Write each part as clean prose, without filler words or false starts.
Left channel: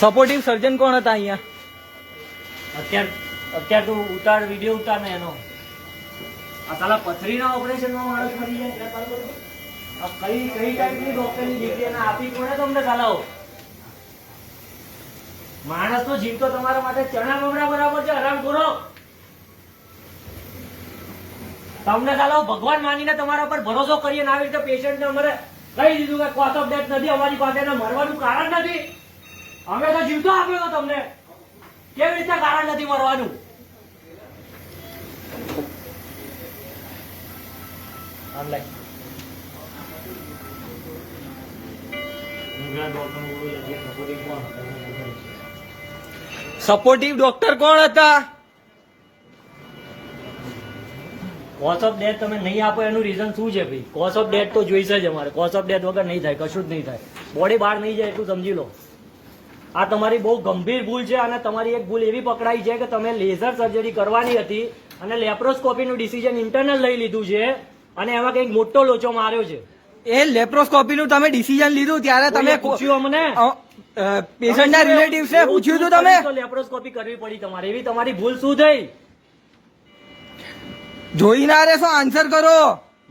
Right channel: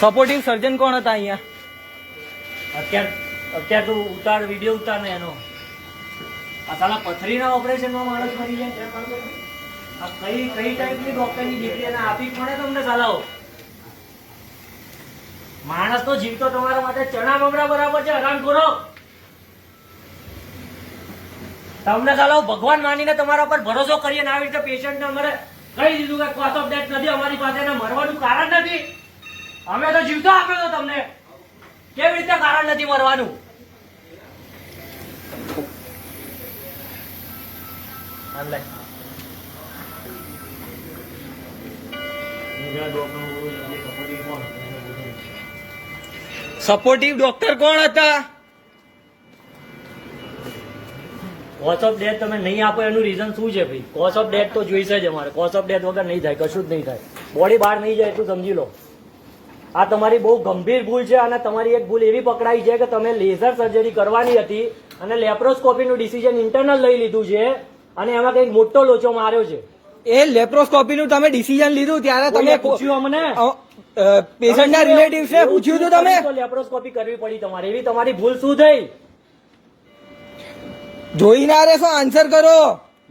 Supportive સર્જન કોણ હતા અહીંયા? અત્યારે તું ઉતાર, વિડીયો ઉતાર ને એનો. આ સાલા પથરીના ઓપરેશનમાં માણસ મરી જાય. આ કઈ ટાઈપની ડોક્ટરની ડિગ્રી એને આપી કોને તમને સાલાઓ? માણસ તો જીવતો તમારા માટે ચણા બમણા બરાબર છે. હરામ ખોરો તમને સાલાઓ ભગવાન માનીને તમારા પર ભરોસો કરીએ ને આવી રીતે પેશન્ટને અમારે કહી દીધું કે કોઝ ઓફ ડેથ નથી અમારી પાસે, એના મરવાનું કારણ નથી. અમે તો જીવતો આપ્યો તો તમને, કેવી રીતે કારણ નથી મરવાનું? સપોર્ટિવ ડોક્ટર કોણ હતા? કોઝ ઓફ ડેથ તમે નહીં આપો એનું રીઝન શું છે ભાઈ? કોઝ ઓફ ડેથ તો જોઈશે જ અમારે. કોઝ ઓફ ડેથ વગર નહીં થાય, કશું જ નહીં થાય. બોડી બહાર નહીં જાય એટલું સમજી લો. આ તમારી બહુ ગંભીર ભૂલ છે અને તમારી એક ભૂલ એવી પકડાઈ છે કે તમે લેઝર સર્જરી કરવાની હતી અને લેપ્રોસ્કોપીનું ડિસિઝન ઇન્ટરનલ લઈ લીધું છે અને એમાં કંઈક મોટો લોચો માર્યો છે. એ લેપ્રોસ્કોપી નું તમે ડિસિઝન લીધું ત્યારે તમે પૂછ્યું અમને? પેશન્ટના રિલેટિવ્સે પૂછ્યું હતું તમે? લેપ્રોસ્કોપી કરવી પડી તમારે, એવી તમારી ભૂલ શું થઈ? જોઈ ના રહેશો, આન્સર કરો.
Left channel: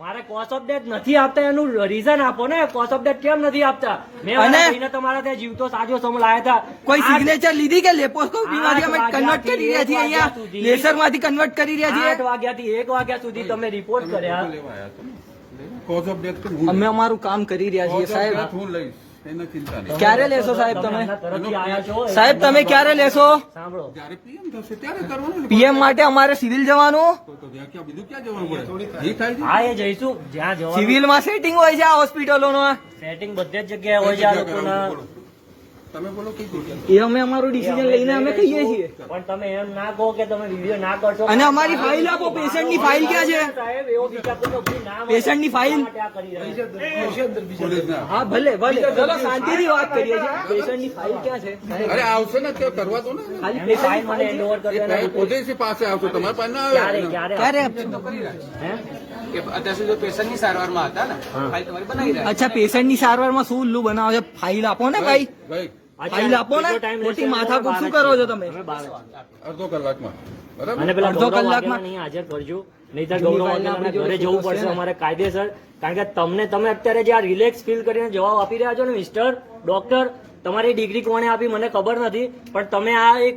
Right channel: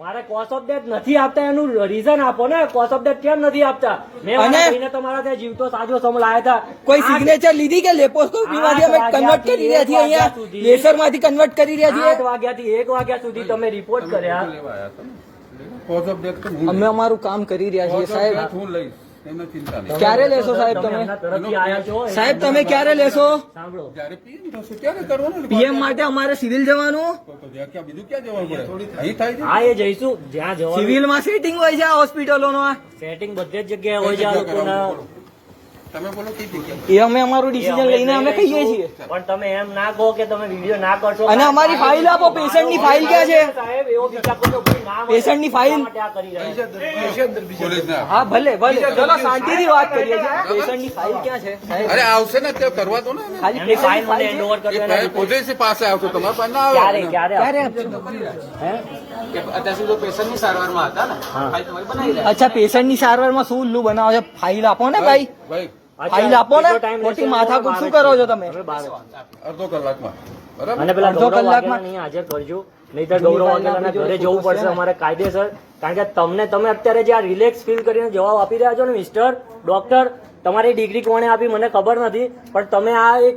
મારે કોઝ ઓફ ડેથ નથી આપતા એનું રીઝન આપો ને. કોઝ ઓફ ડેથ કેમ નથી આપતા? મેં અને તમારા ત્યાં જીવતો સાજો સમ લાયા હતા. કોઈ સિગ્નેચર લીધી કે લેપ્રોસ્કોપી માંથી અમે કન્વર્ટ કરી રહ્યા છીએ, અહીંયા લેસર માંથી કન્વર્ટ કરી રહ્યા છીએ? 8 વાગ્યાથી 1 વાગ્યા સુધી તમે રિપોર્ટ કર્યા. કોઝ ઓફ ડેથ અમે અમારું કામ કરી રહ્યા છીએ સાહેબ. હું લઈશ, એમાં ચિંતા નહીં. ક્યારે લેશો સાહેબ તમે? તરફથી આયા છો સાહેબ તમે ક્યારે લેશો? સાંભળો, જ્યારે પીએમ થશે ત્યારે કરવાનું ને. પીએમ માટે અમારે સિવિલ જવાનું. તો ક્યાં બીજું ક્યાં જવાનું પડે? અહીં થાય છે. હા એ જઈશું જ્યાં જવાનું. સિવિલમાં સેટિંગ હોય છે આ હોસ્પિટલોમાં. સેટિંગ બધે જ જગ્યાએ હોય છે આ લોકોના. તમે બોલો કઈ જગ્યાએ? એ અમે અમારું ડિસિઝન લઈને અમે કહીએ છીએ. પણ તમે એમ ના કહો કે તમે વિડીયો ના કરશો. અને અમારી ફાઇલ આપો. પેશન્ટની ફાઇલ ક્યાં છે? સાહેબ એવો વિચાર કરો કે ના મળે. પેશન્ટની ફાઇલ? માટે આ કરી રહ્યા છે. પોલીસના. હા ભલે ભલે, ચલો શાંતિથી વાત કરીએ છીએ. પેશન્ટની ફાઇલ ક્યાં છે સાહેબ? અરે આવશે ને તે કરવા દો ને. ખાલી એમની ફાઇલ મને પેશન્ટની હેન્ડ ઓવર કરી દેના. પોતે પાસે આવતો તમારા પાસે ના ક્યારે આવે. ક્યારે ક્યારે હે? અત્યાર સુધી પેશન્ટની સારવારમાં હતા ને, ફાઇલ તમારી બનાવી રહ્યા. અચ્છા, પેશન્ટની સારવારમાં શું ઉલ્લુ બનાવો છો? ફાઇલ આપો ને ભાઈ. ભાઈ ફાઇલ આપો ને. ખોટી માથાકૂટ શું કરો છો તમે? અડધો કલાકમાં બરાબર. અને પેલા અડધો ગૌરવ કલાકમાં વાઘેલા નહીં હાજર કરજો, નહીંતર ગૌરવ વાઘેલાના ઘરે જવું પડશે અમારે કાયદેસર. કારણ કે તમે અત્યારે જે આ રિલેક્સ ફીલ કરીને જવાબ આપી રહ્યા છો ને મિસ્ટર ડોક્ટર, તમારી ડિગ્રી કોણે આપી મને ખબર નથી, પણ તમે આ એક